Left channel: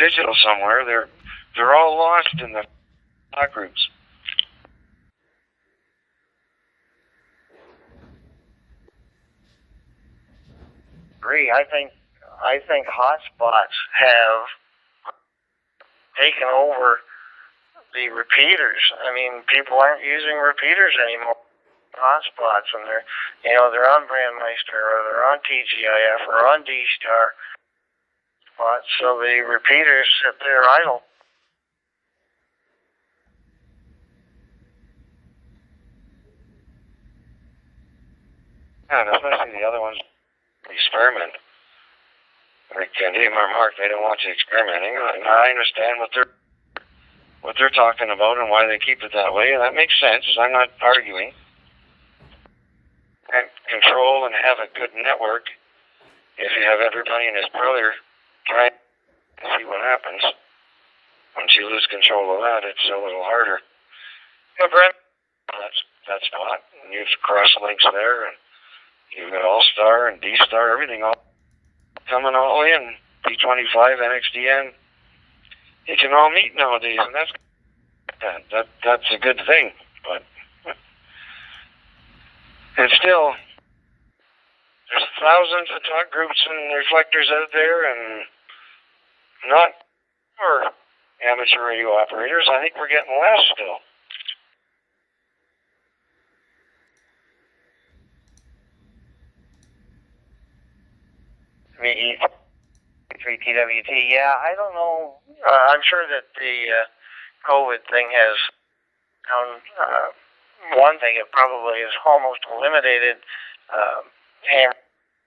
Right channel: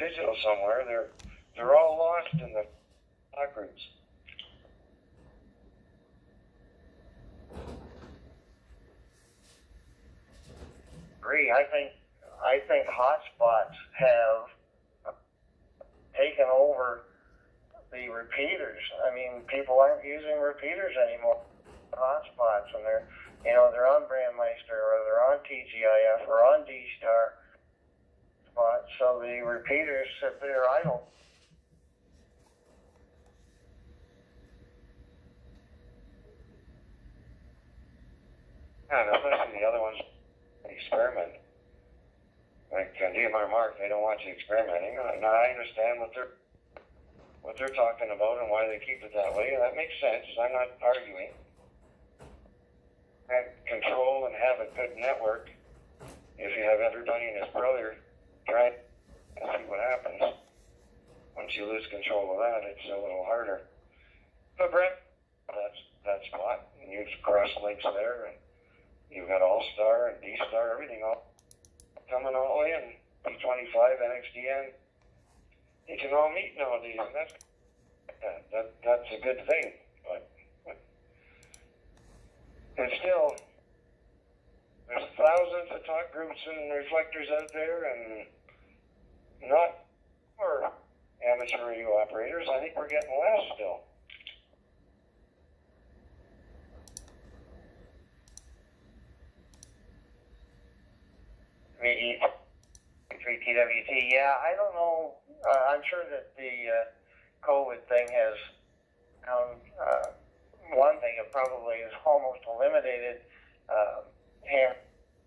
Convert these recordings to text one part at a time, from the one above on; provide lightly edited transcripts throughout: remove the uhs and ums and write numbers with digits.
digital somewhere. They're all lost in the talk groups. I think hotspots have taken over the repeaters. I mean, people aren't using repeaters anymore. Hotspots, and they're on Brandmeister, or they're on TGIF, or on D-Star spots, so the repeaters sit there idle. Yeah, and especially the other ones, experiment. Like Dmr-Marc, they don't want you experimenting. And I understand what they're talking about and why they keep it that way, and that makes sense. I'm not arguing. And control and have a good network. If you have everybody and his brother try and see what happens. Once you lose control of that, it's a little harder. But Brent, that spot, and you've cross links there, and you've got All-Star and D-Star, everything all coming all the way in. P25, NXDN. You can all meet nowadays, and that's a good thing. But it's still, there's thousands of talk groups and reflectors out there, and not for amateur radio operators. I think we're getting less still. TWT, yeah, I don't know. I'm sure that the COVID thing has found one thing. It probably has almost eliminated ham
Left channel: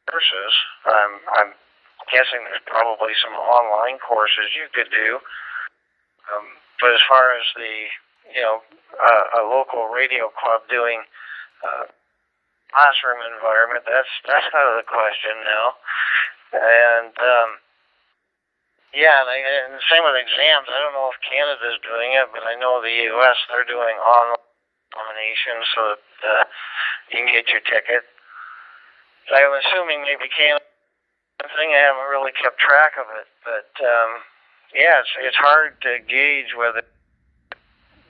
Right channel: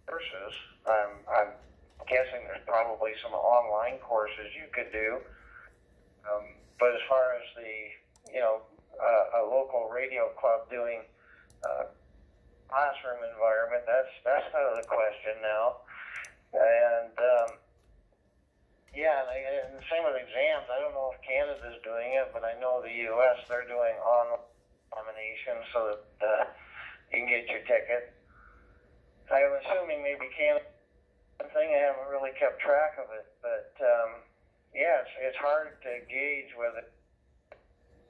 courses. I'm guessing there's probably some online courses you could do. But as far as a local radio club doing classroom environment, that's out of the question now. And and the same with exams. I don't know if Canada's doing it, but I know the U.S., they're doing online examinations so that you can get your ticket. So I'm assuming maybe Canada thing. I haven't really kept track of it, but it's hard to gauge whether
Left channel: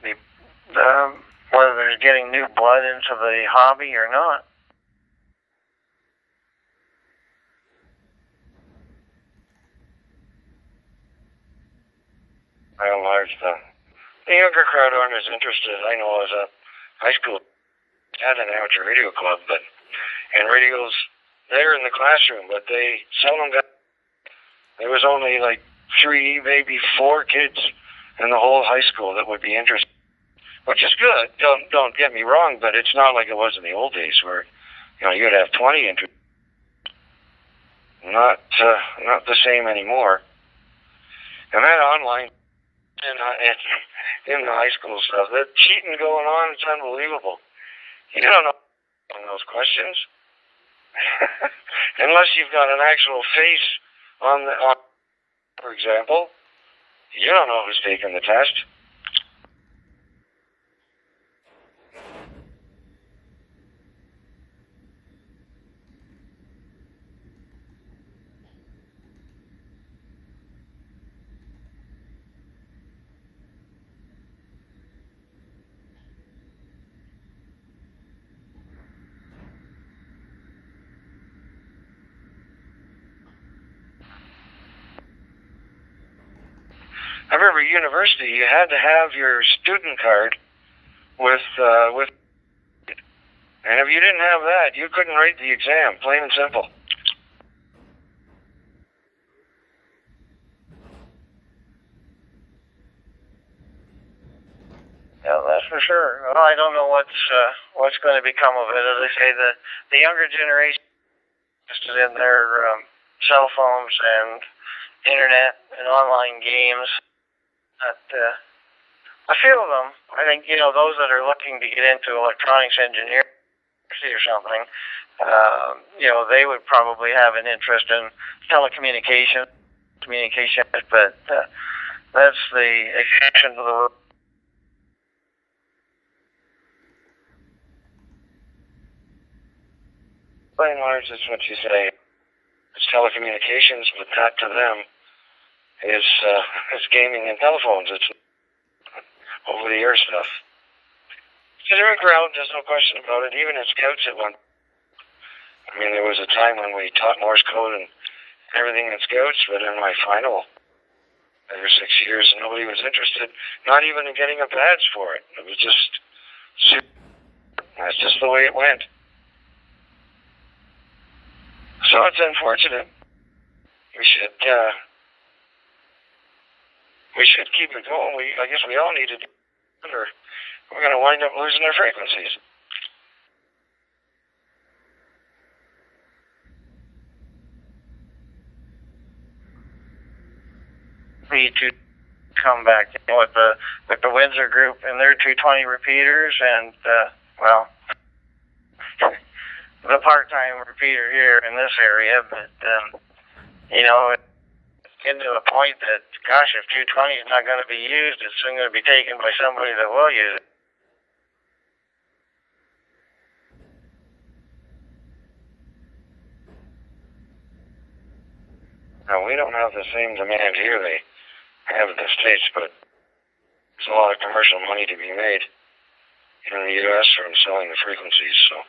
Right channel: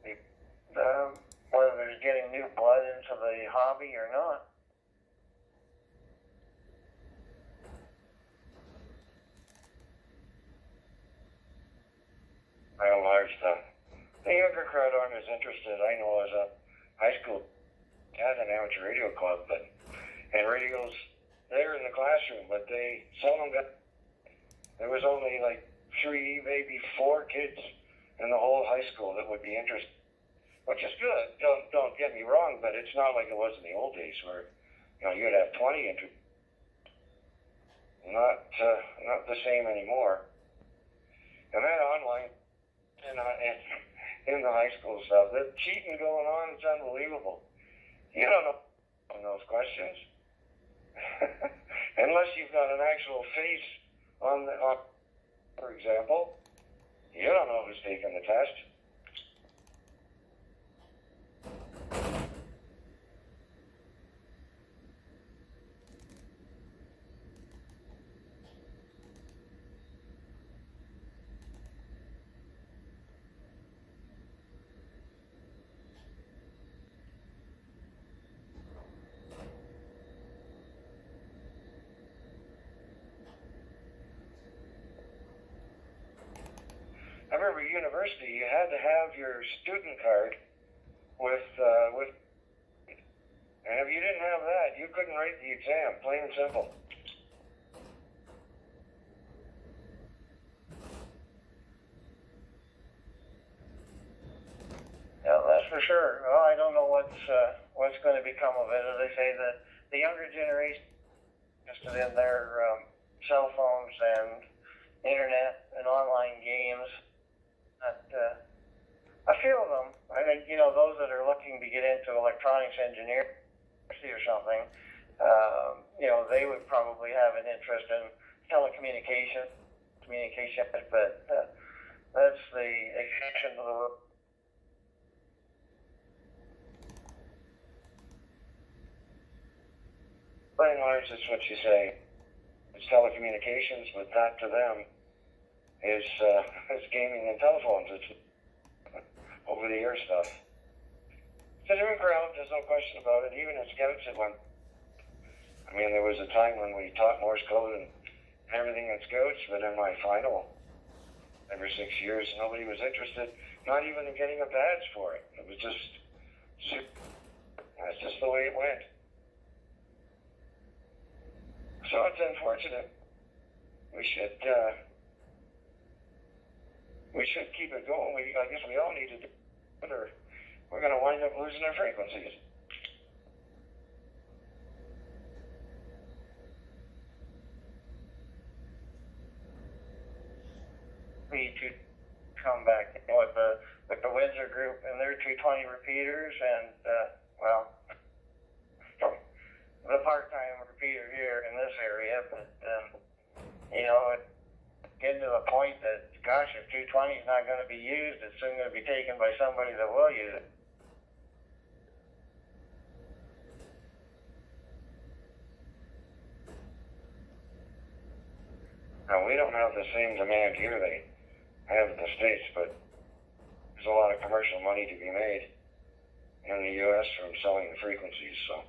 there's getting new blood into the hobby or not. By and large, the younger crowd aren't as interested. I know as a high school, I had an amateur radio club, and radios there in the classroom, but they seldom got. There was only like 3, maybe 4 kids in the whole high school that would be interested, which is good. Don't get me wrong, but it's not like it was in the old days where you'd have 20 interested. Not the same anymore. And that online. In the high school stuff, the cheating going on, it's unbelievable. You don't know those questions unless you've got an actual face on for example. You don't know who's taking the test. I remember at university, you had to have your student card with, and if you didn't have that, you couldn't write the exam, plain and simple. Yeah, that's for sure. Well, I don't know what's going to become of it. As I say, the younger generation is interested in their cell phones and internet and online games. A few of them, I think, those that are looking to get into electronics engineering or something, they would probably have an interest in communication, but that's the exception to the rule. By and large, that's what you say. It's telecommunications, but that to them is gaming and telephones. It's over-the-air stuff. So they're in crowd, there's no question about it. Even at Scouts at one. I mean, there was a time when we taught Morse code and everything in Scouts, but in my final 5 or 6 years, nobody was interested, not even in getting a badge for it. It was just, that's just the way it went. So it's unfortunate. We should keep it going. I guess we all need to do it, or we're going to wind up losing our frequencies. To come back with the Windsor group and their 220 repeaters, and well, the part-time repeater here in this area, but you know, it's getting to a point that, gosh, if 220 is not going to be used, it's soon going to be taken by somebody that will use it. Now, we don't have the same demand here they have in the States, but there's a lot of commercial money to be made in the U.S. from selling the frequencies, so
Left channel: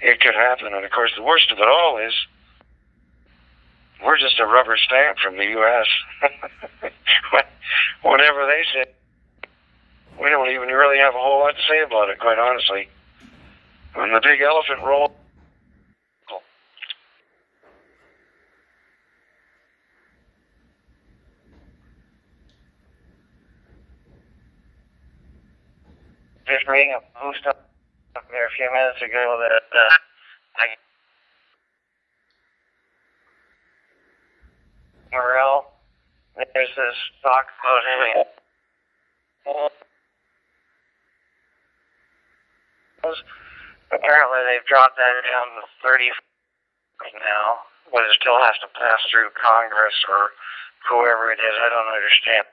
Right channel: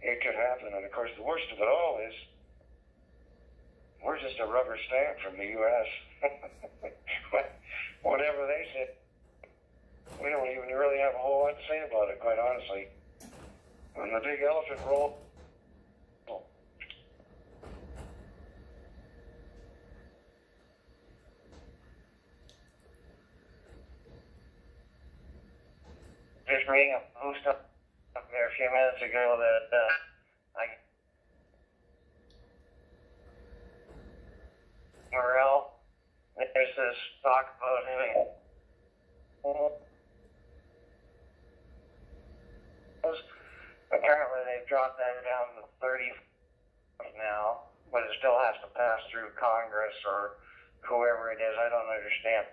it could happen. And of course, the worst of it all is we're just a rubber stamp from the U.S. Whatever they say, we don't even really have a whole lot to say about it, quite honestly. When the big elephant rolls, just reading a post up there a few minutes ago that Morel, there's this talk about having apparently they've dropped that down to 30 now, but it still has to pass through Congress or whoever it is. I don't understand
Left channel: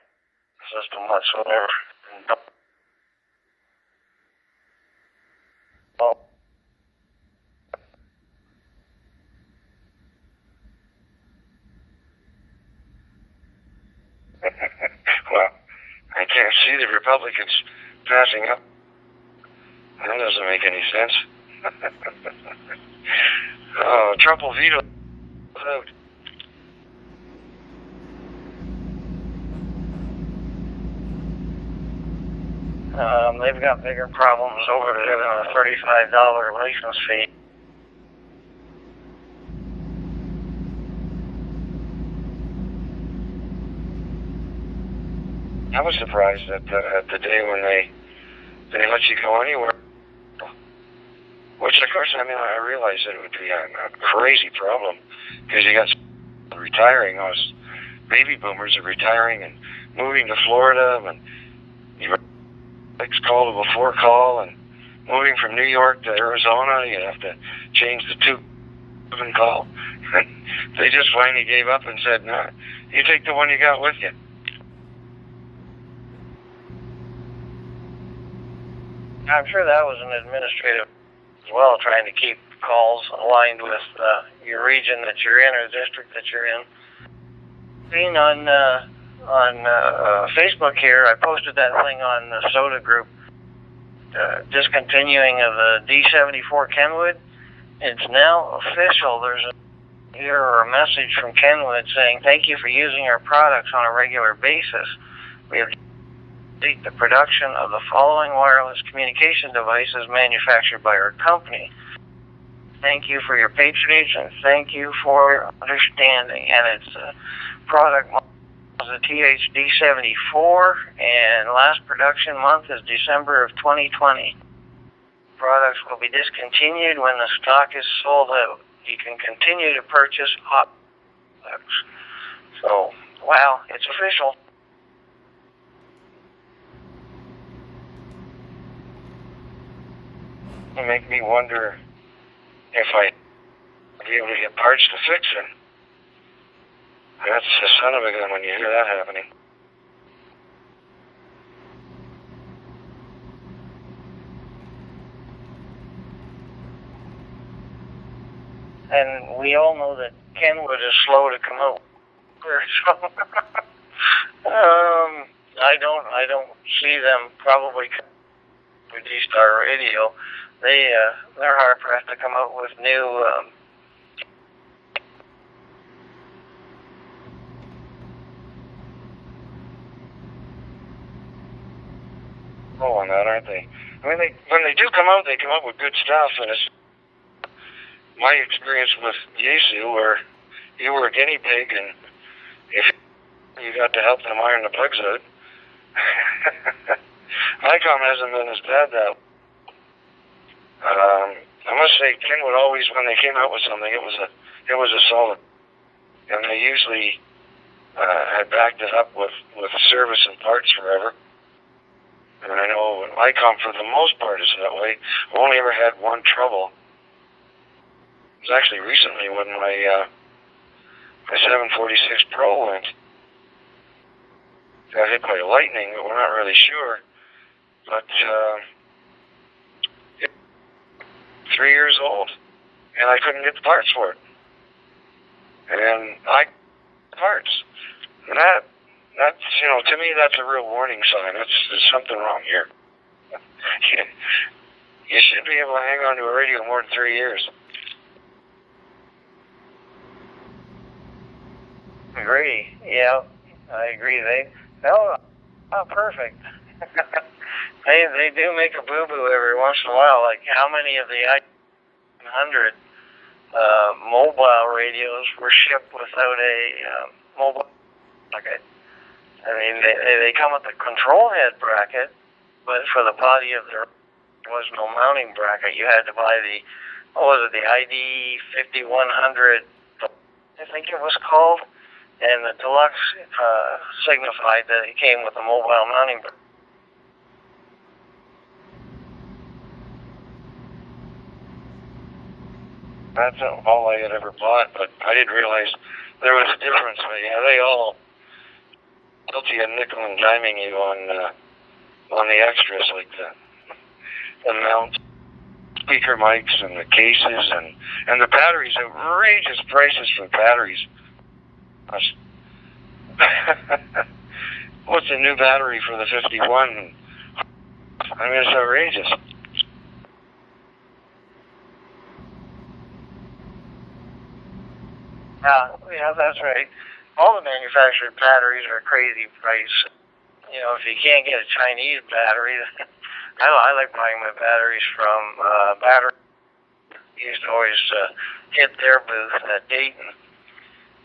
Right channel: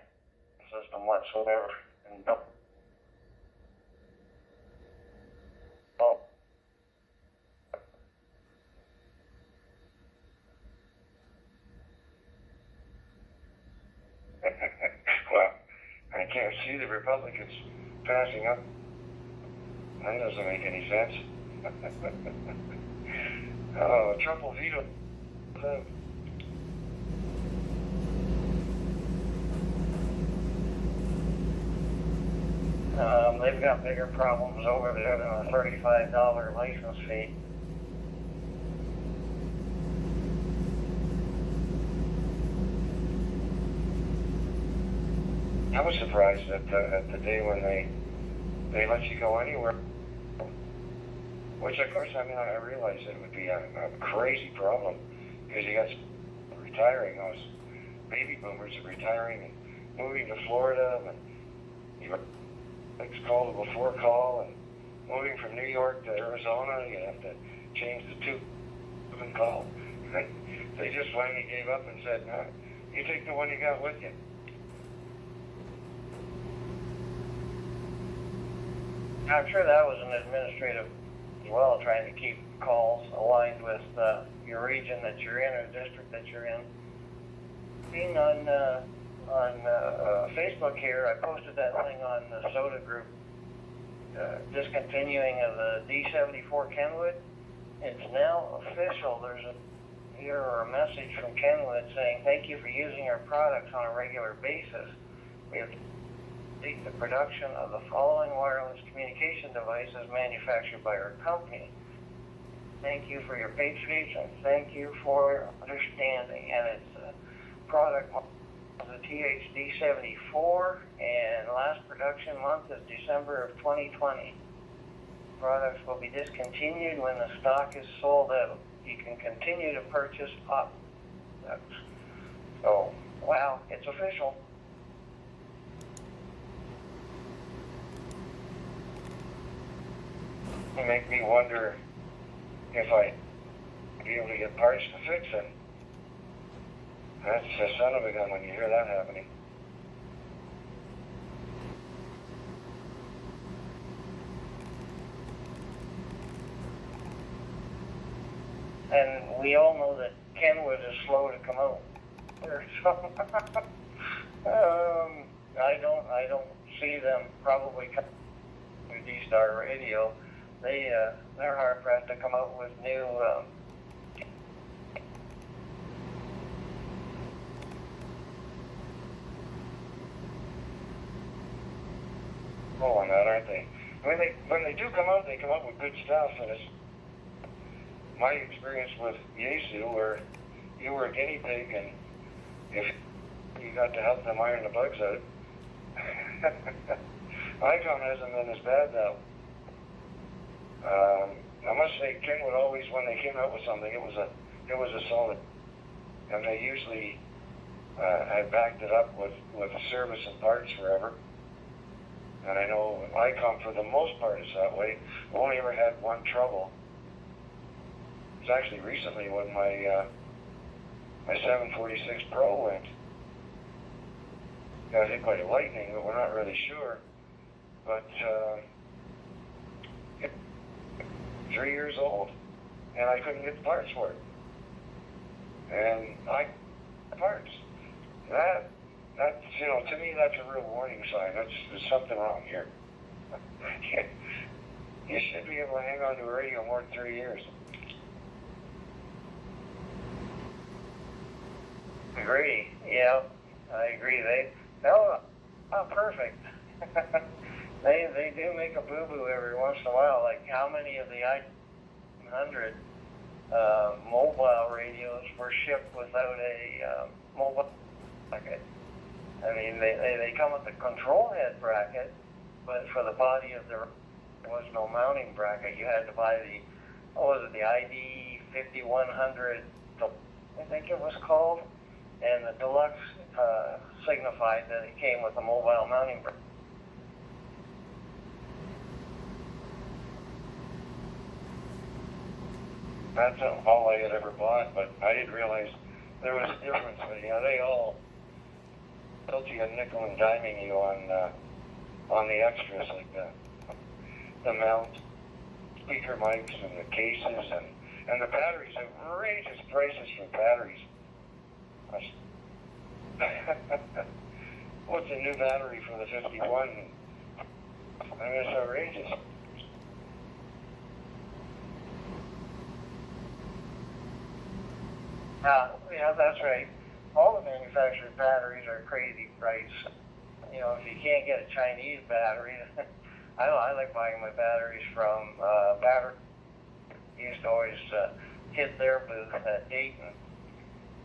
the system whatsoever. Well, I can't see the Republicans passing up. That doesn't make any sense. Oh, Trump will veto out. They've got bigger problems over there than a $35 license fee. I was surprised at the day when they let you go anywhere. Which, of course, I mean, I realized that it would be a crazy problem because you got retiring. Those baby boomers are retiring and moving to Florida, and you call to before call, and moving from New York to Arizona, you have to change the 2 call. They just finally gave up and said, "No, you take the one you got with you." I'm sure that was an administrative as well, trying to keep calls aligned with your region that you're in or the district that you're in. Being on Facebook here, I posted that thing on the Soda group, discontinuing of the D74 Kenwood. It's now official. There's a message from Kenwood saying, "Thank you for using our products on a regular basis. We have the production of the following wireless communication devices manufactured by our company. Thank you for your patronage and thank you for your understanding." And its product was the THD74, and last production month is December of 2020. Products will be discontinued when the stock is sold out. You can continue to purchase hot products. So, wow, it's official. It make me wonder if I'd be able to get parts to fix it. That's the son of a gun when you hear that happening. And we all know that Kenwood is slow to come out. So, I don't see them probably with D-Star Radio. They're hard pressed to come out with new. On that, aren't they? I mean, when they do come out, they come out with good stuff, and it's my experience with Yaesu, where you were a guinea pig, and if you got to help them iron the bugs out. ICOM hasn't been as bad, though. I must say, Kenwood always, when they came out with something, it was a solid, and they usually had backed it up with service and parts forever. And I know ICOM, for the most part, is that way. I've only ever had one trouble. It was actually recently when my 746 Pro went. Got hit by lightning, but we're not really sure. But 3 years old, and I couldn't get the parts for it. And parts. And that's, to me, that's a real warning sign. There's something wrong here. You should be able to hang on to a radio more than 3 years. Agree. Yeah, I agree. Perfect. They do make a boo-boo every once in a while. Like, how many of the I-100 mobile radios were shipped without a mobile bracket? I mean, they come with the control head bracket, but for the body of there was no mounting bracket. You had to buy the ID 5100, I think it was called, and the deluxe signified that it came with a mobile mounting bracket. That's all I had ever bought, but I didn't realize there was a difference. But yeah, they all guilty of nickel and diming you on the extras, like the mount, speaker mics, and the cases, and the batteries. Outrageous prices for batteries. What's a new battery for the 51? I mean, it's outrageous. Yeah, that's right. All the manufactured batteries are crazy price. If you can't get a Chinese battery, I like buying my batteries from battery. Used to always hit their booth at Dayton.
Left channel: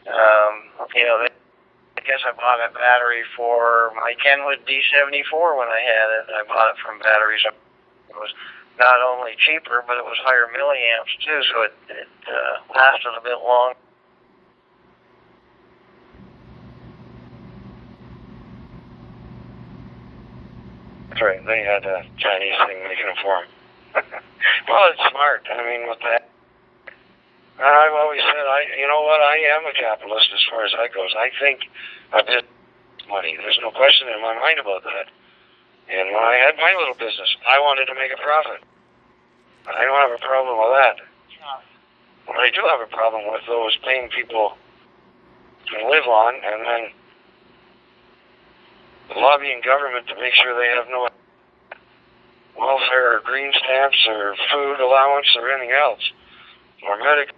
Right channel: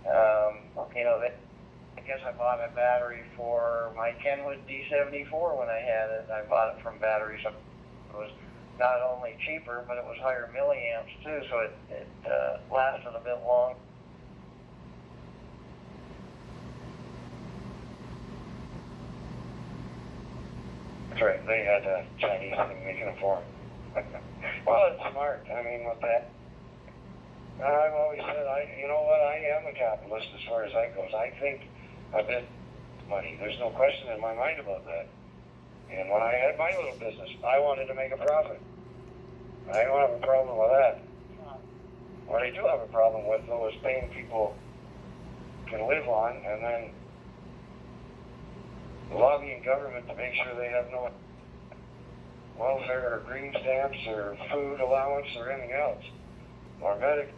I guess I bought a battery for my Kenwood D74 when I had it. I bought it from batteries. It was not only cheaper, but it was higher milliamps too, so it lasted a bit long. That's right. They had a Chinese thing making them for them. Well, it's smart. I mean, with that. And I've always said, you know what, I am a capitalist as far as that goes. I think a bit money. There's no question in my mind about that. And when I had my little business, I wanted to make a profit. I don't have a problem with that. What I do have a problem with, though, is paying people to live on and then lobbying government to make sure they have no welfare or green stamps or food allowance or anything else, or medical,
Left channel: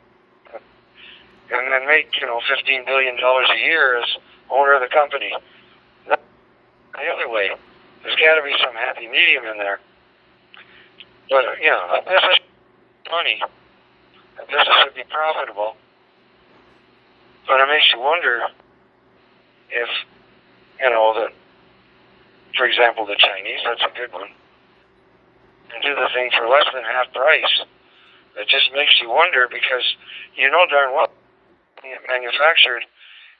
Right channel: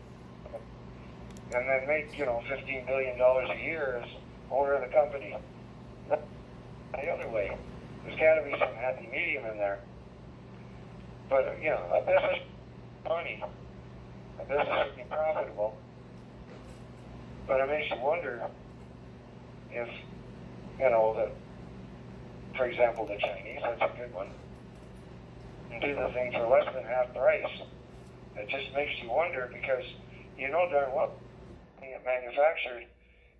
and then make, $15 billion a year as owner of the company. The other way, there's got to be some happy medium in there. But, a business money, a business should be profitable. But it makes you wonder if, that, for example, the Chinese, that's a good one, and do the thing for less than half price. It just makes you wonder, because you know darn well it manufactured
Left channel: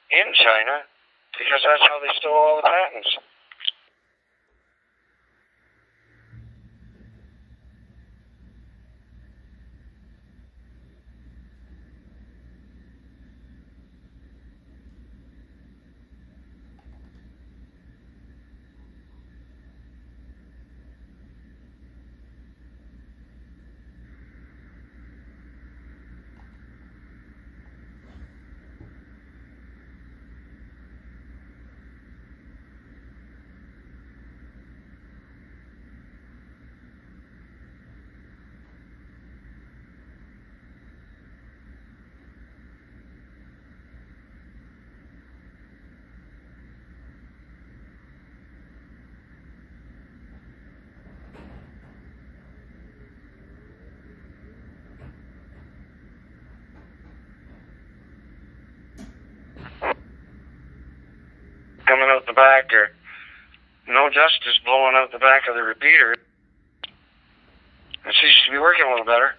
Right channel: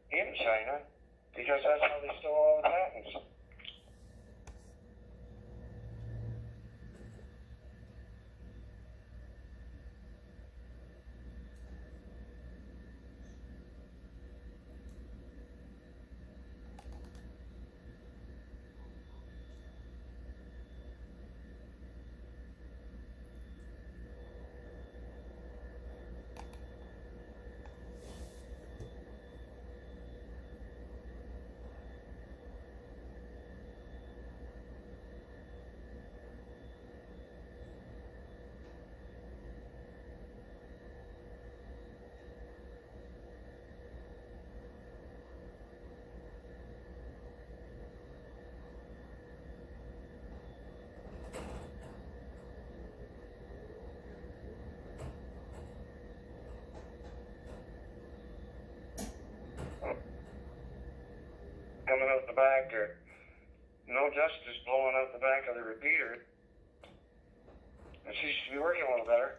in China, because that's how they stole all the patents. the back, or no dust is blowing out the back of the repeater. It seems to be working a little better.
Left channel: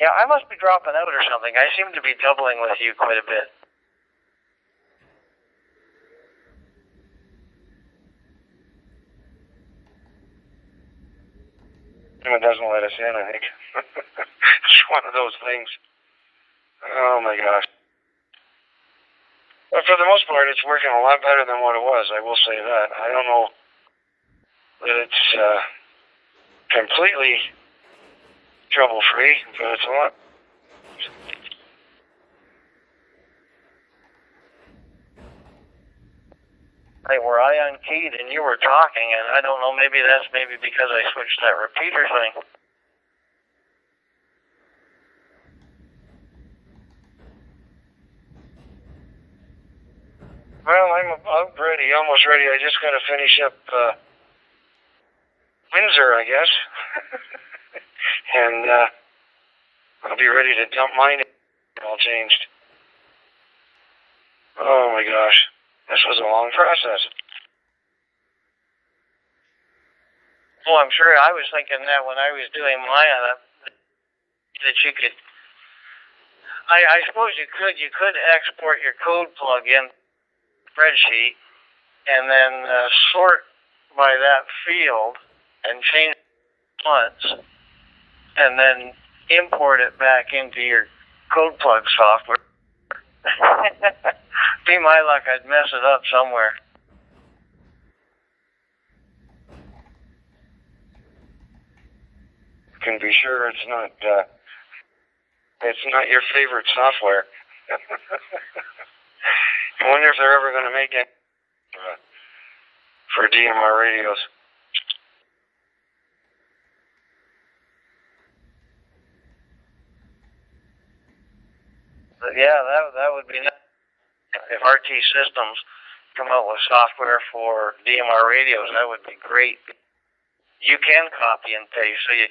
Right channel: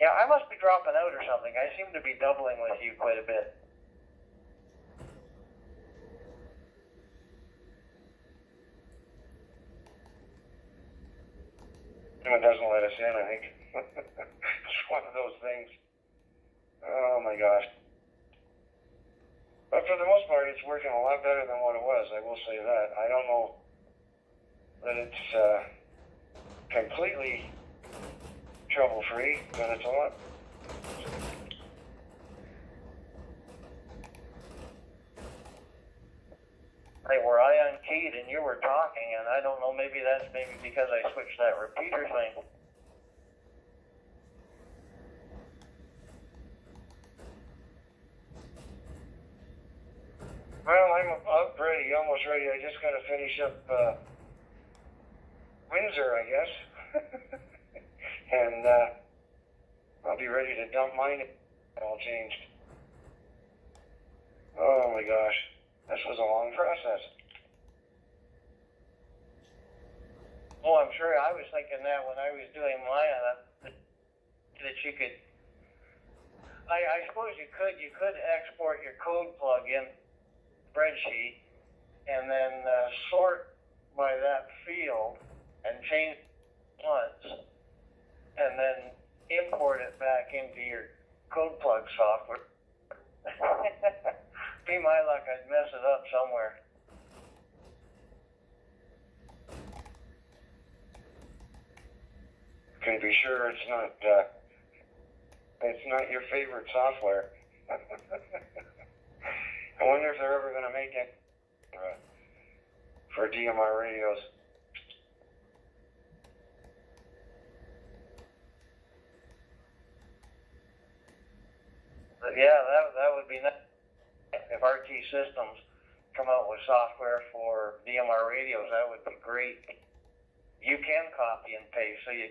Yeah, I must be dropping out or something. I seem to be doubling with you quite a bit. It doesn't let us in, I think. It's one of those things. Oh my gosh. But for the most part, it's working a lot better than what it was, I will say that. I don't know that it's completely trouble-free, but it's a lot. Hey, were I unkeyed and you were talking, and I don't know, maybe that's because I switched that repeater thing. Well, I'm ready, almost ready. I just got to finish up Windsor, I guess. And I'll be ready to dump mine. All changed. Oh my gosh. This was a long process. Well, I'm sure I was thinking that when I was doing mine, that you could, I suppose you could export your code plug in spreadsheet and then sort by that field and change once and then import it back into your code plug software. Be my luck, I'd mess it up somewhere. Can be sure it's not your favorite software. I wonder if they're ever going to make it for DMR radios. But yeah, that would be nice. If RT Systems come out with software for DMR radios, that would be great. You can copy and paste. So you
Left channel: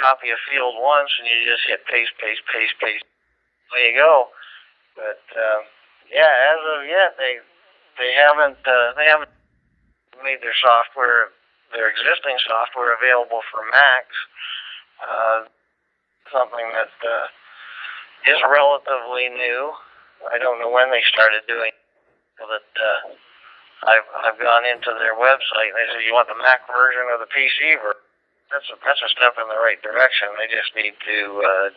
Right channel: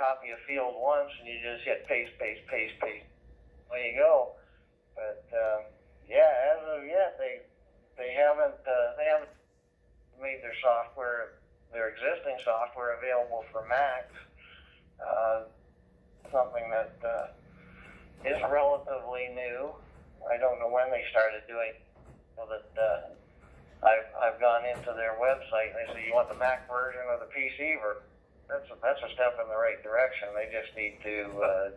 copy a field once and you just hit paste, paste, paste, paste. There you go. But yeah, as of yet, they haven't made their software, their existing software, available for Macs. Something that is relatively new. I don't know when they started doing it, but I've gone into their website and they said, you want the Mac version or the PC version? That's a step in the right direction. They just need to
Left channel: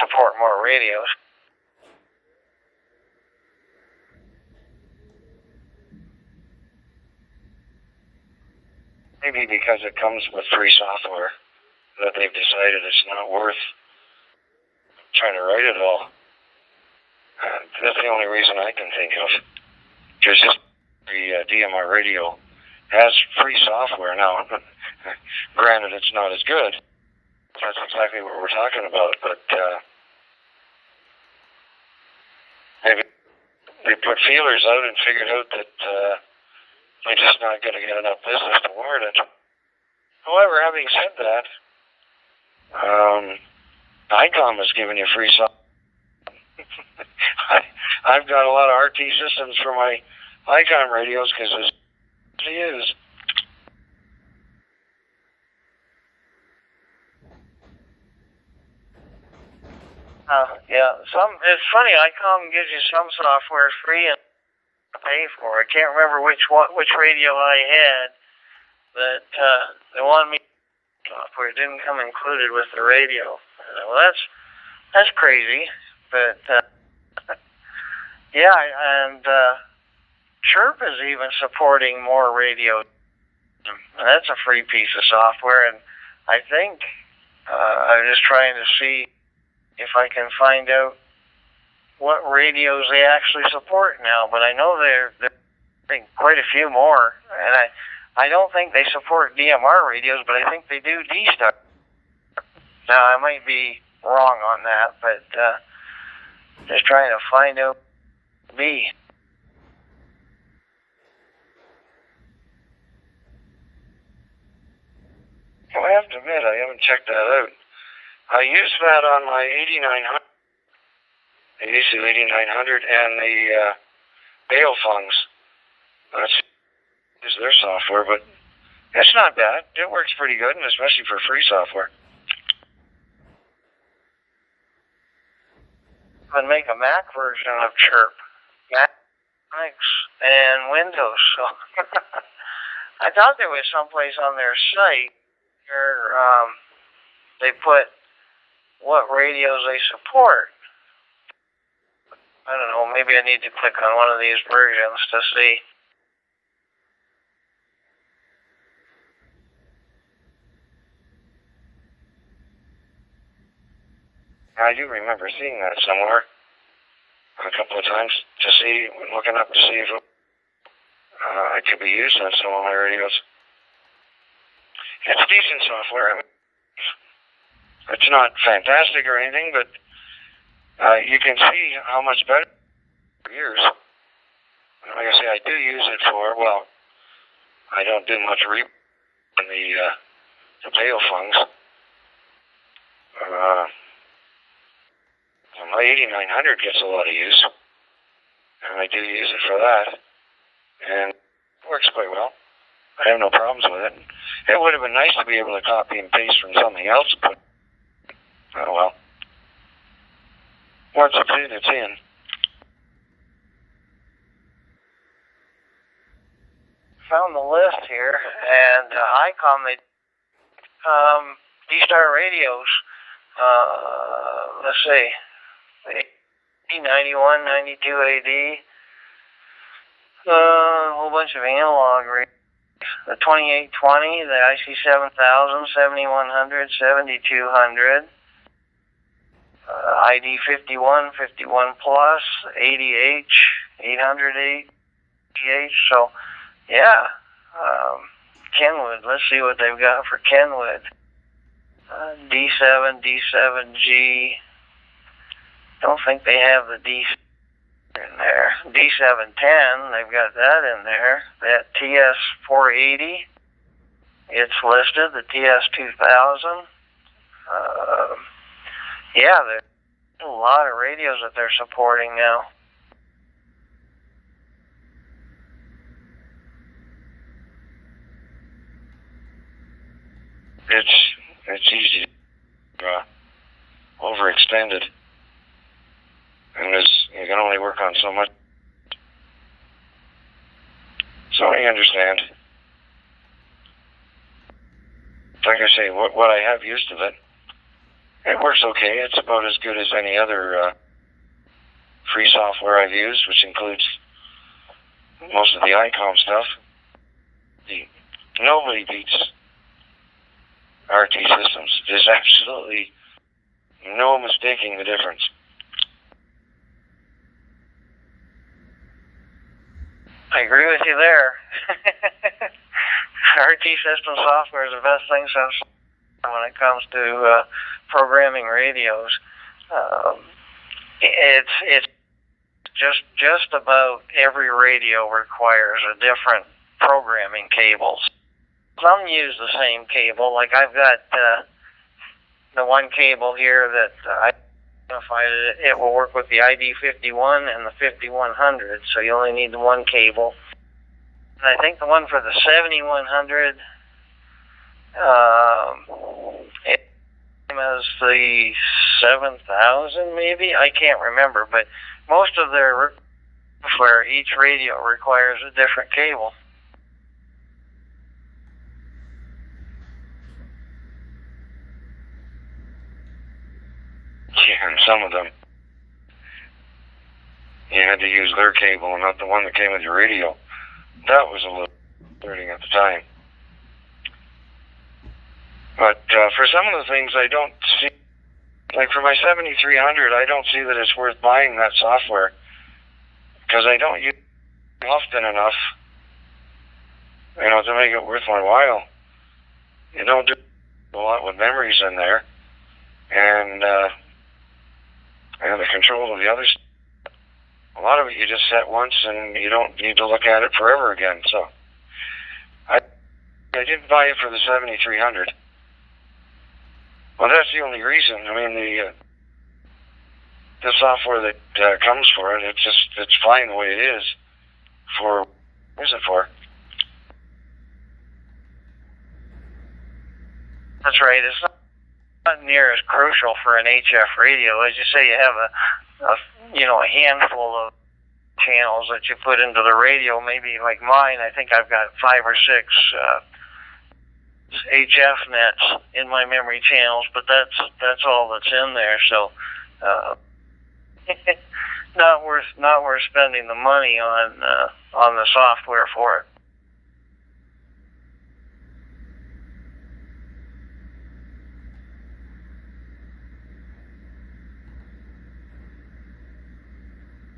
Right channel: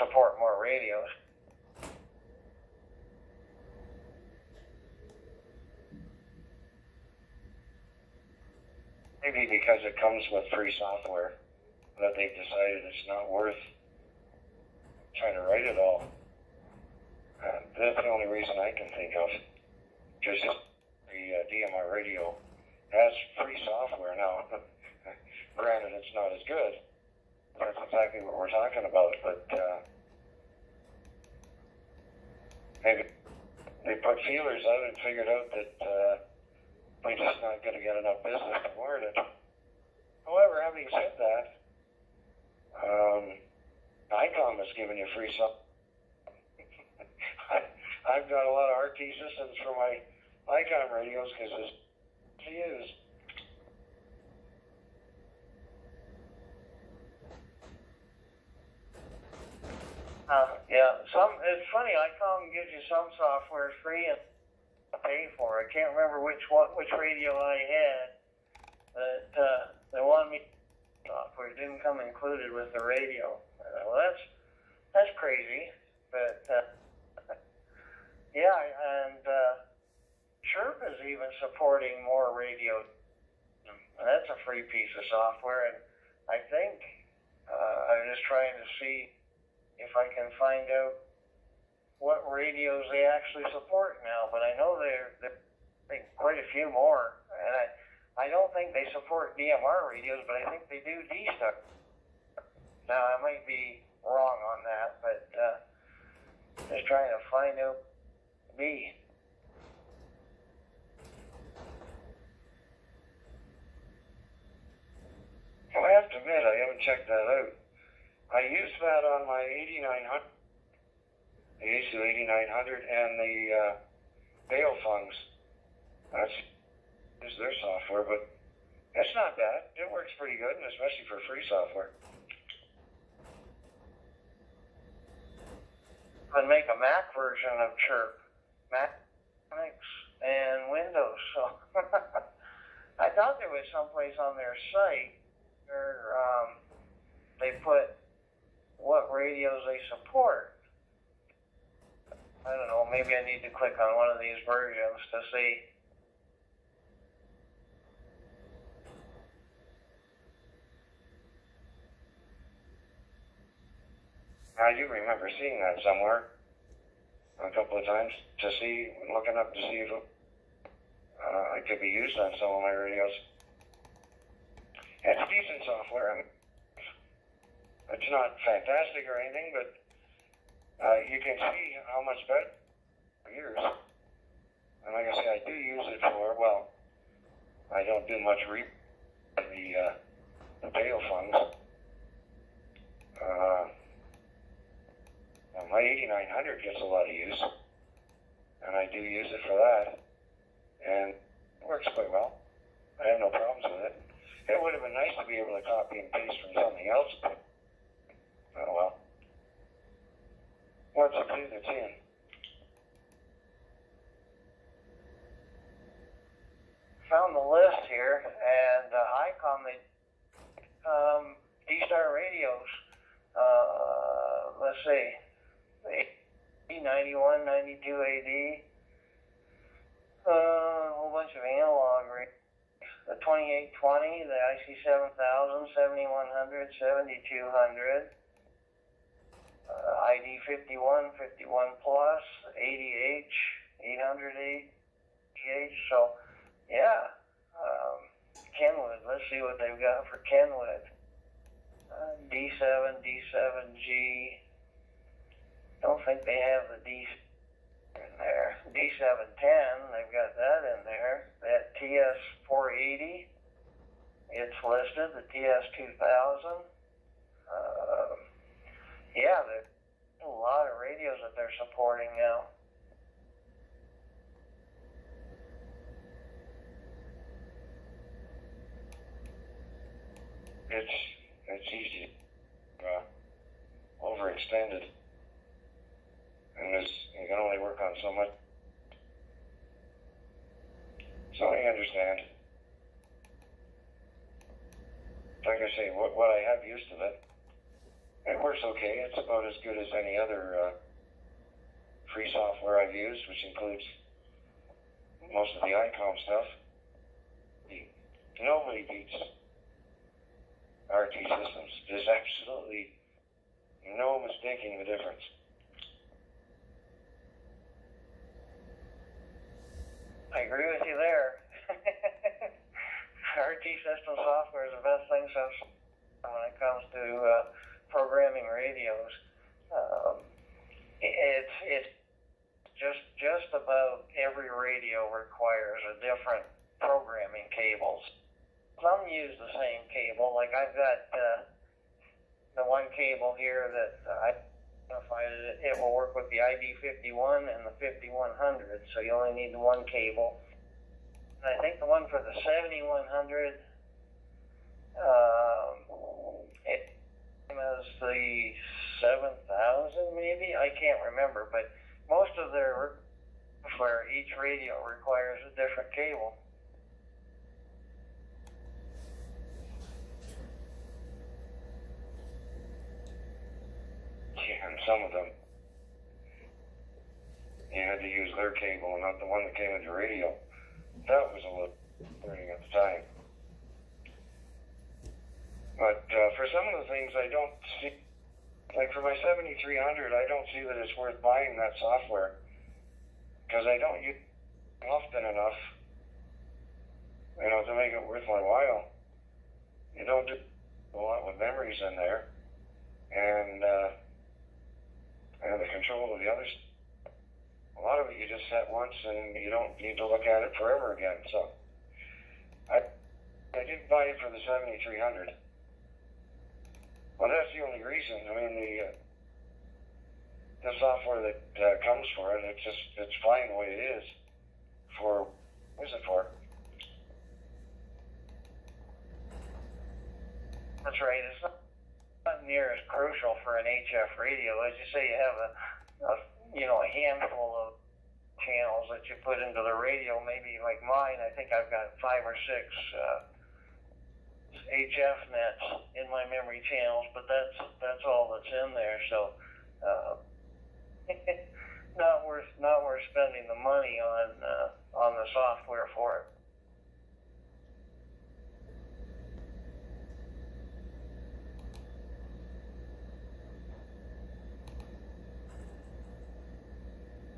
support more radios. Maybe because it comes with free software that they've decided it's not worth trying to write it all. That's the only reason I can think of. Because the DMR radio has free software now. Granted, it's not as good. That's exactly what we're talking about. But maybe they put feelers out and figured out that they're just not going to get enough business to warrant it. However, having said that, ICOM is giving you free software. I've got a lot of RT systems for my ICOM radios because it's easy to use. Yeah, it's funny. ICOM gives you some software free and pay for. I can't remember which radio I had, but they wanted me software. It didn't come included with the radio. Well, that's crazy, but yeah, and Chirp is even supporting more radios. And that's a free piece of software, and I think I'm just trying to see if I can find out what radios they actually support now. But I know they're quite a few more, and I don't think they support DMR radios, but I think they do D-Star. Now, I might be wrong on that, but just trying to find out B. Well, I have to admit, I haven't checked that out. I used that on my 8900, the ECU 8900 and the Baofungs. That's is their software, but it's not bad. It works pretty good, and especially for free software. And make a Mac version of Chirp, Mac, Linux, and Windows. So I thought there was someplace on their site where they put what radios they support. I don't know, maybe I need to click on one of these versions to see. I do remember seeing that somewhere a couple of times looking up to see if it could be used on some of my radios. It's decent software. I mean, it's not fantastic or anything, but you can see how much better for years. And like I say, I do use it for, well, I don't do much on the Baofungs. My 8900 gets a lot of use, and I do use it for that, and it works quite well. I have no problems with it. It would have been nice to be able to copy and paste from something else, but oh well. Once it's in, it's in. Found the list here, and ICOM, they D-Star radios. Let's see. 91, 92 AD, a whole bunch of analog radios. The 2820, the IC 7000, 7100, 7200, ID 51, 51 plus, 80H, 800H. So, yeah, Kenwood. Let's see what they've got for Kenwood. D7, D7G. Don't think they have the D in there. D710, they've got that in there. That TS480, it's listed. The TS2000. Yeah, there's a lot of radios that they're supporting now. It's easy to overextended. And you can only work on so much. So I understand. Like I say, what I have used of it, it works okay. It's about as good as any other free software I've used, which includes most of the ICOM stuff. Nobody beats RT systems. There's absolutely no mistaking the difference. I agree with you there. RT system software is the best thing since when it comes to programming radios. It's just about every radio requires a different programming cable. Some use the same cable. Like I've got the one cable here that I identified. It will work with the ID 51 and the 5100, so you only need the one cable. And I think the one for the 7100, it is the 7000 maybe. I can't remember, but most of their software, each radio requires a different cable. Yeah, and some of them, you had to use their cable and not the one that came with your radio. That was a little concerning at the time. But for some of the things, I don't see, like for my 7300, I don't see that it's worth buying that software because I don't use it often enough, to make it worth my while. You don't do a lot with memories in there, and the control of the others. A lot of it you just set once and you don't need to look at it forever again. So I didn't buy it for the 7300. Well, that's the only reason. I mean, the software that comes for it. It's fine the way it is. For what is it for? That's right. It's not near as crucial for an HF radio. As you say, you have a handful of channels that you put into the radio. Maybe like mine, I think I've got 5 or 6 HF nets in my memory channels, but that's all that's in there. So not worth spending the money on the software for it.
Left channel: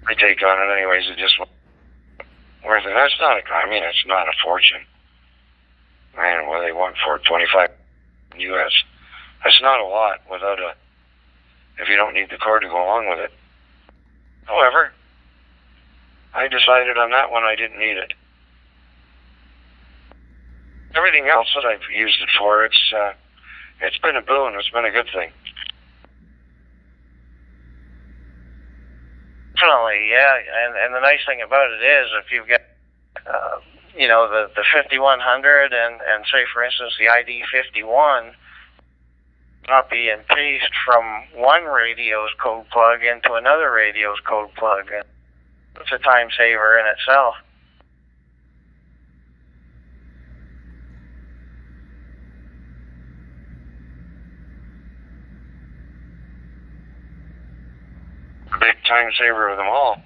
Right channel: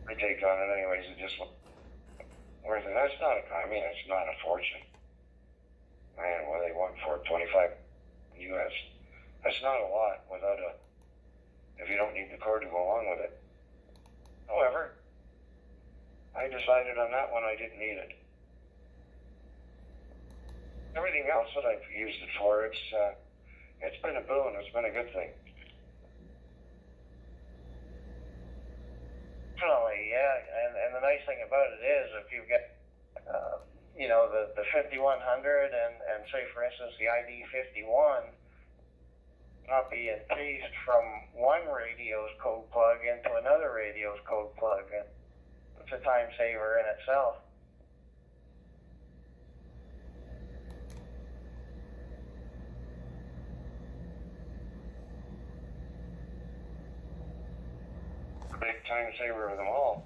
I take on it anyways. It just worth it. That's not it's not a fortune. Man, what do they want for it? 25 US. That's not a lot if you don't need the cord to go along with it. However, I decided on that one I didn't need it. Everything else that I've used it for, it's been a boon. It's been a good thing. Definitely, yeah. And the nice thing about it is, if you've got, the 5100 and say, for instance, the ID 51, copy and paste from one radio's code plug into another radio's code plug. It's a time saver in itself. Big time saver of them all.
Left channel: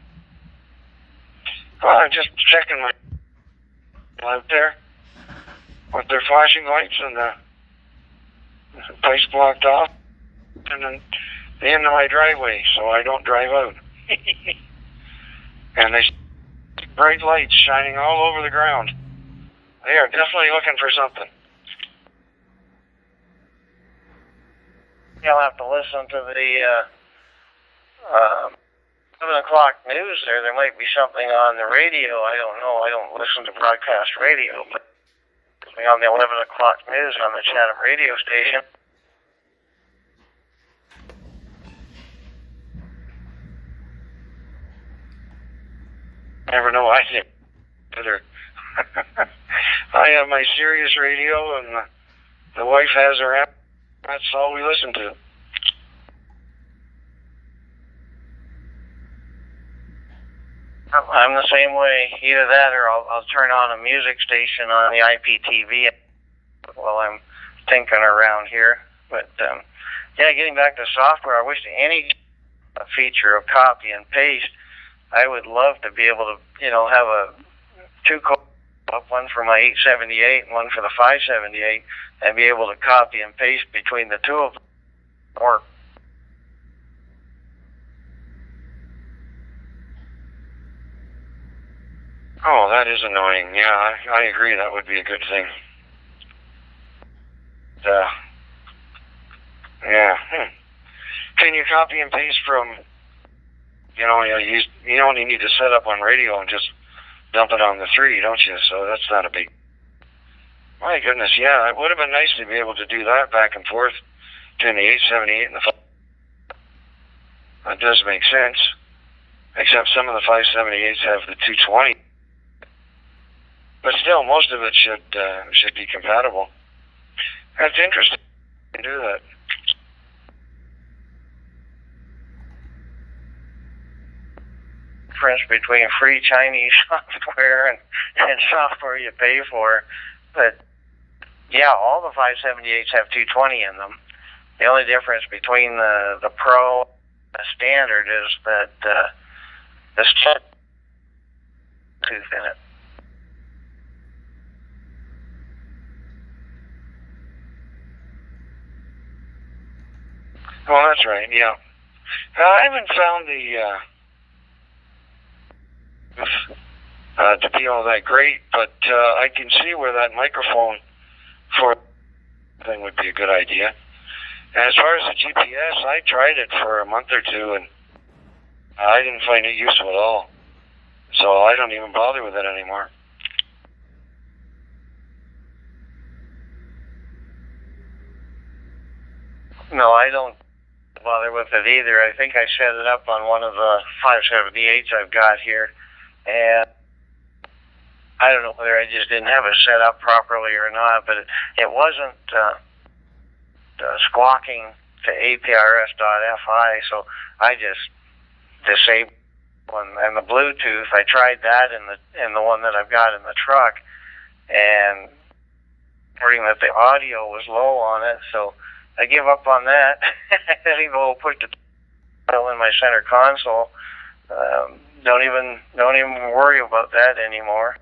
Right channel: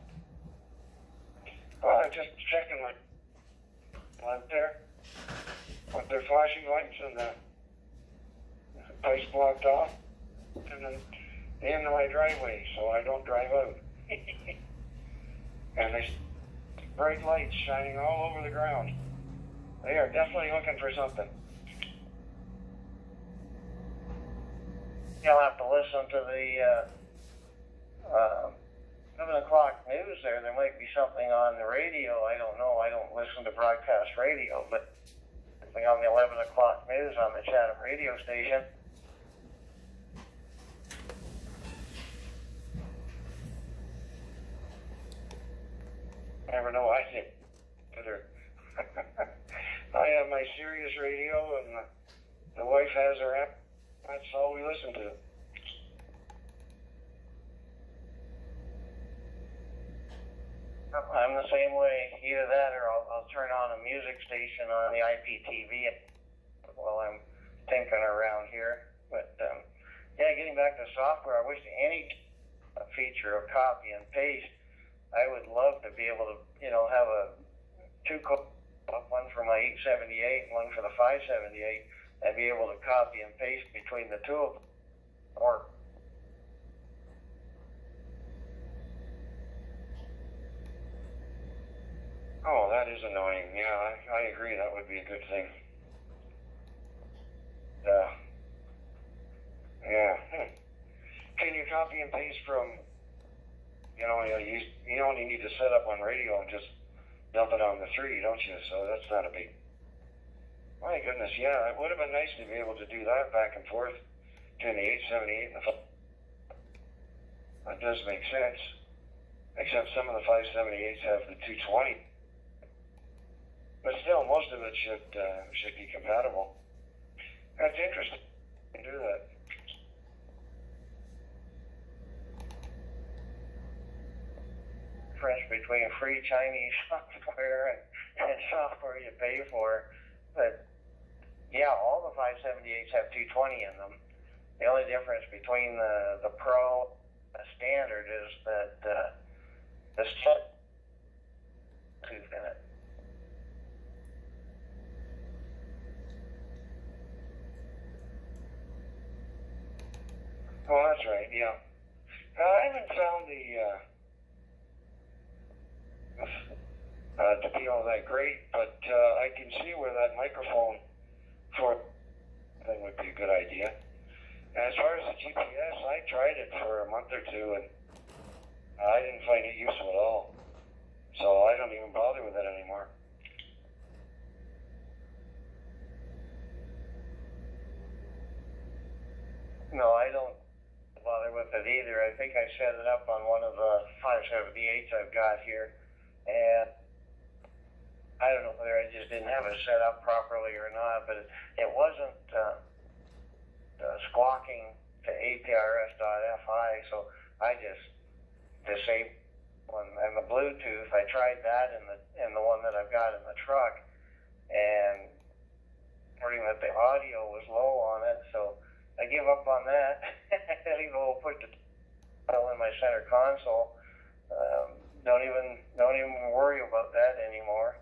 Well, I'm just checking my out there with their flashing lights and the place blocked off, and then the end of my driveway, so I don't drive out. And they bright lights shining all over the ground. They are definitely looking for something. You'll have to listen to the 11 o'clock news there. There might be something on the radio. I don't know. I don't listen to broadcast radio, but on the 11 o'clock news on the Chatham radio station. Never know. I think better. I have my Sirius radio, and the wife has her app. That's all we listen to. I'm the same way. Either that, or I'll turn on a music station on the IPTV while I'm tinkering around here. But getting back to software, I wish any feature of copy and paste. I would love to be able to, have two codes, one for my 878 and one for the 578, and be able to copy and paste between the two of them. Or oh, that is annoying. Yeah, I agree. That would be a good thing. Can you copy and paste from? You only need to set up on radio and just dump it on the 3, don't you? So that's not a big. My goodness, yeah, it would have been nice to be able to do that back and forth between the 878 and the 5. That does make sense. Except some of the 578s have the 220. But still, most of it should be compatible. That's interesting to do that. Difference between free Chinese software and software you pay for. But yeah, all the 578s have 220 in them. The only difference between the Pro and the Standard is that the tooth in it. Well, that's right, yeah. I haven't found to be all that great, but I can see where that microphone for thing would be a good idea. And as far as the GPS, I tried it for a month or two, and I didn't find it useful at all. So I don't even bother with it anymore. No, I don't bother with it either. I think I set it up on one of the 578s I've got here, and I don't know whether I just didn't have it set up properly or not, but it wasn't squawking to APRS.FI, so I just disabled one. And the Bluetooth, I tried that in the one that I've got in the truck, and reporting that the audio was low on it, so I give up on that. I didn't even put the dial in my center console. Don't even worry about that anymore.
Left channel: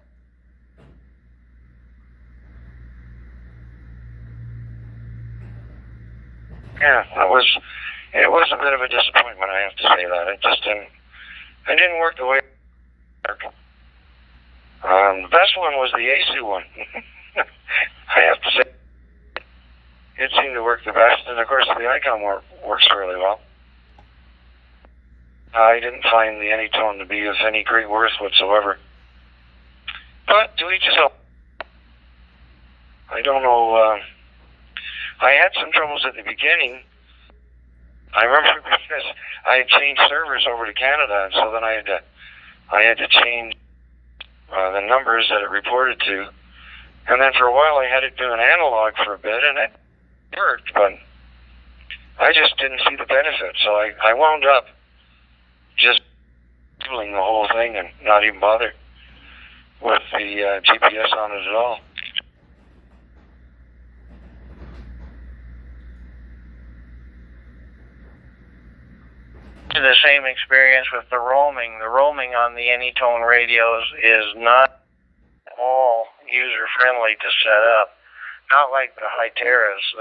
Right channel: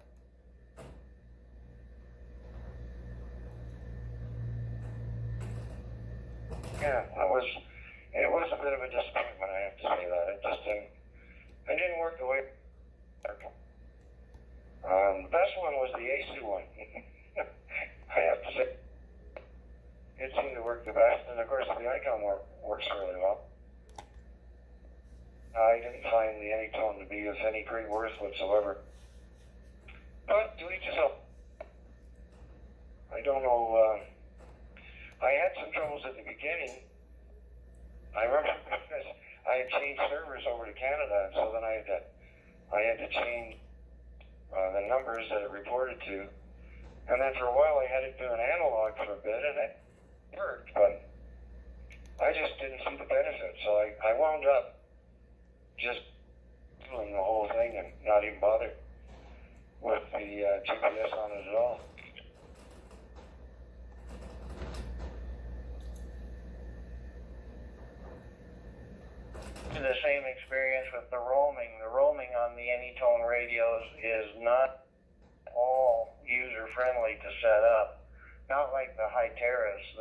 Yeah, it was a bit of a disappointment, I have to say that. It didn't work the way it worked. The best one was the ASU one. I have to say, it seemed to work the best, and of course the ICOM works fairly well. I didn't find the Anytone to be of any great worth whatsoever. But to each his own. I don't know. I had some troubles at the beginning. I remember because I had changed servers over to Canada, and so then I had to change the numbers that it reported to. And then for a while I had it do an analog for a bit, and it worked, but I just didn't see the benefit. So I wound up just doing the whole thing and not even bother with the GPS on it at all. The same experience with the roaming. The roaming on the Anytone radios is not all user-friendly to set up. Not like the Hyteras.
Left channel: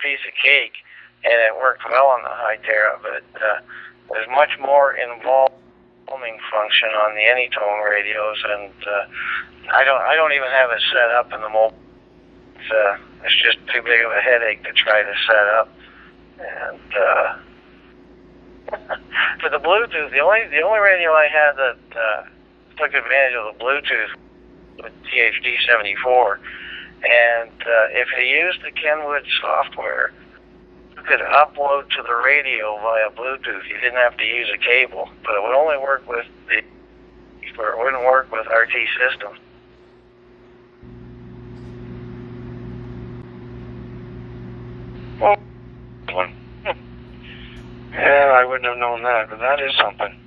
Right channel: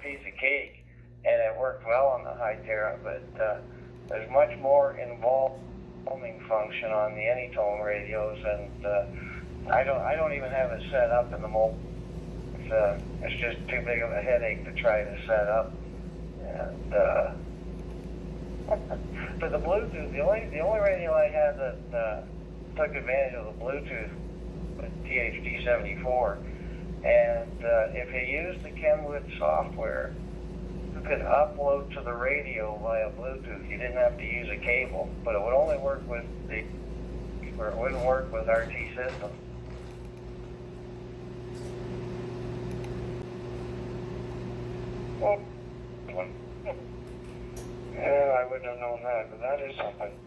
Piece of cake, and it worked well on the Hytera, but there's much more involved roaming function on the Anytone radios, and I don't even have it set up in the mobile. It's just too big of a headache to try to set up. And for the Bluetooth, the only radio I had that took advantage of the Bluetooth with THD74, and if you used the Kenwood software, you could upload to the radio via Bluetooth. You didn't have to use a cable, but it would only work with it wouldn't work with RT systems. Well, one. Yeah, I wouldn't have known that, but that is something.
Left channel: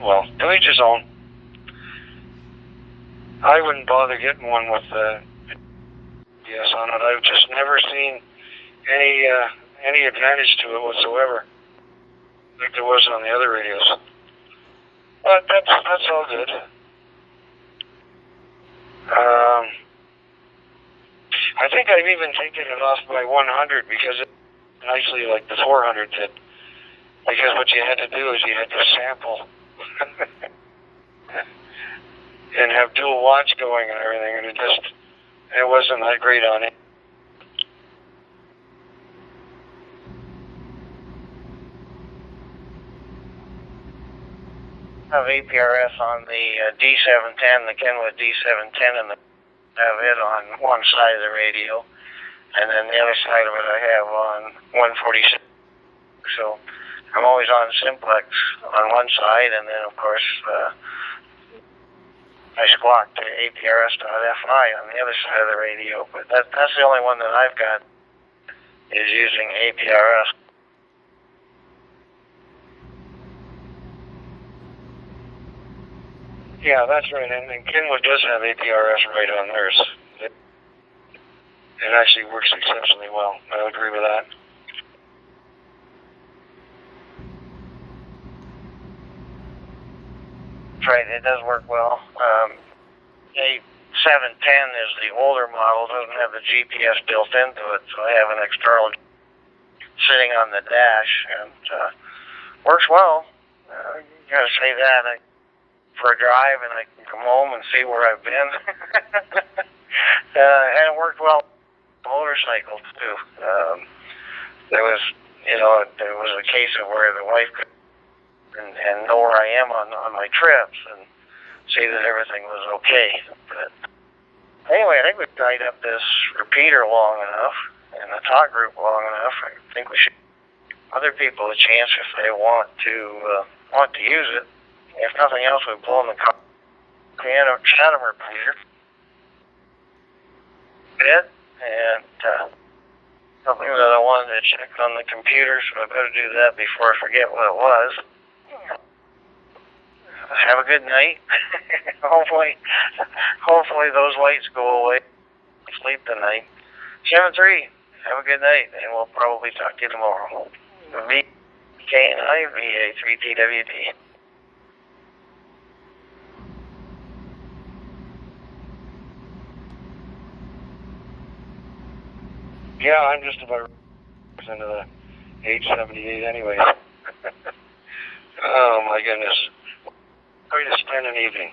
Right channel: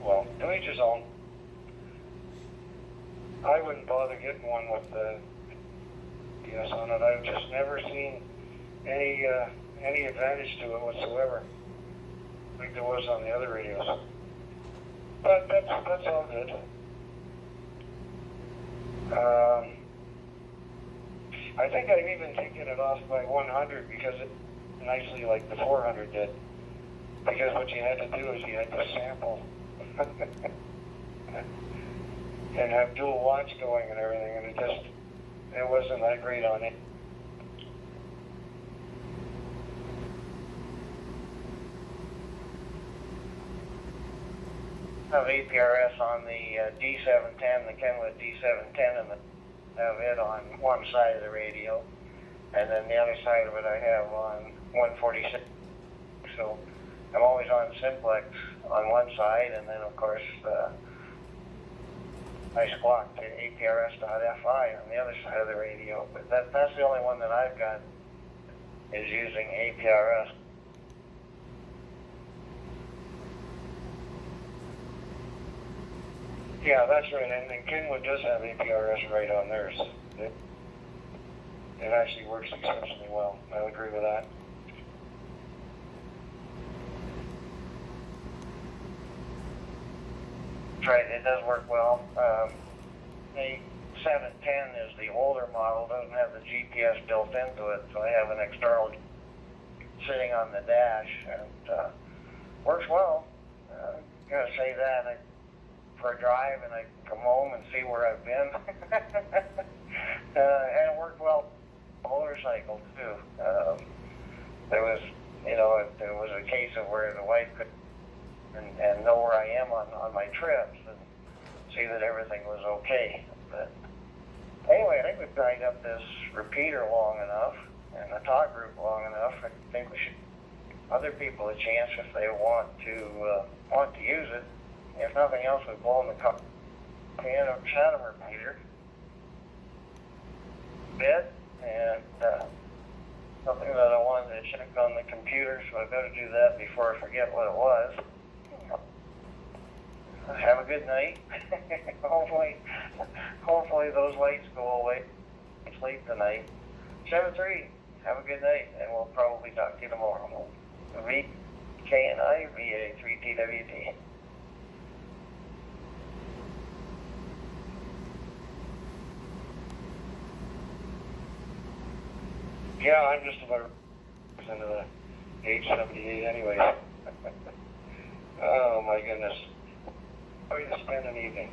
Well, to each his own. I wouldn't bother getting one with GPS on it. I've just never seen any advantage to it whatsoever, like there was on the other radios. But that's all good. I think I've even taken it off by 100 because it nicely like the 400 did. Because what you had to do is you had to sample and have dual watch going and everything, and it wasn't that great on it. I have APRS on the D710, the Kenwood D710, and have it on one side of the radio, and then the other side of it I have on 146. So I'm always on simplex on one side, and then of course I squawk to APRS.FI on the other side of the radio. But that's the only one that I've got is using APRS. Yeah, that's right, and Kenwood does have APRS right on theirs. It actually works exceptionally well. I agree with that. Right, it does work well. A710 is the older model, doesn't have the GPS built into it, so I have an external sitting on the dash, and works well. Gotta say that. For a drive, and I can come home and see where I've been. And it worked well on the motorcycle, too. There was a case of where the wife could and know where I am on my trips and see that everything was okay. But anyway, I think we've tied up this repeater long enough. in the talk group long enough, I think we should give other people a chance if they want to use it. If nothing else, we've blown the Chatomer Peter bit, and something that I wanted to check on the computer, so I better do that before I forget what it was. Have a good night. hopefully those lights go away. Sleep tonight. 7-3. Have a good night, and we'll probably talk to you tomorrow. VK&I, VA3TWD. Yeah, I'm just about into the age 78 anyway. Oh my goodness. How to spend an evening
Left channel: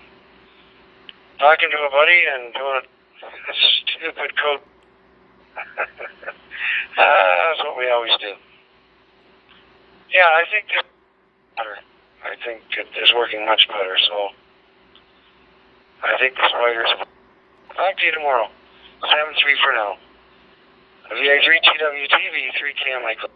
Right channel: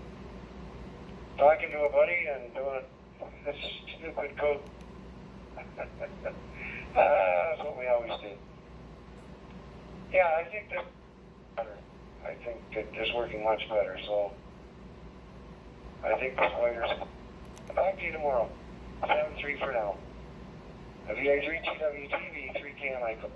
talking to a buddy and doing a stupid code. That's what we always do. Yeah, I think it's better. I think it is working much better, so I think the spiders. Talk to you tomorrow. 7-3 for now. VA3 TWTV 3KM Michael.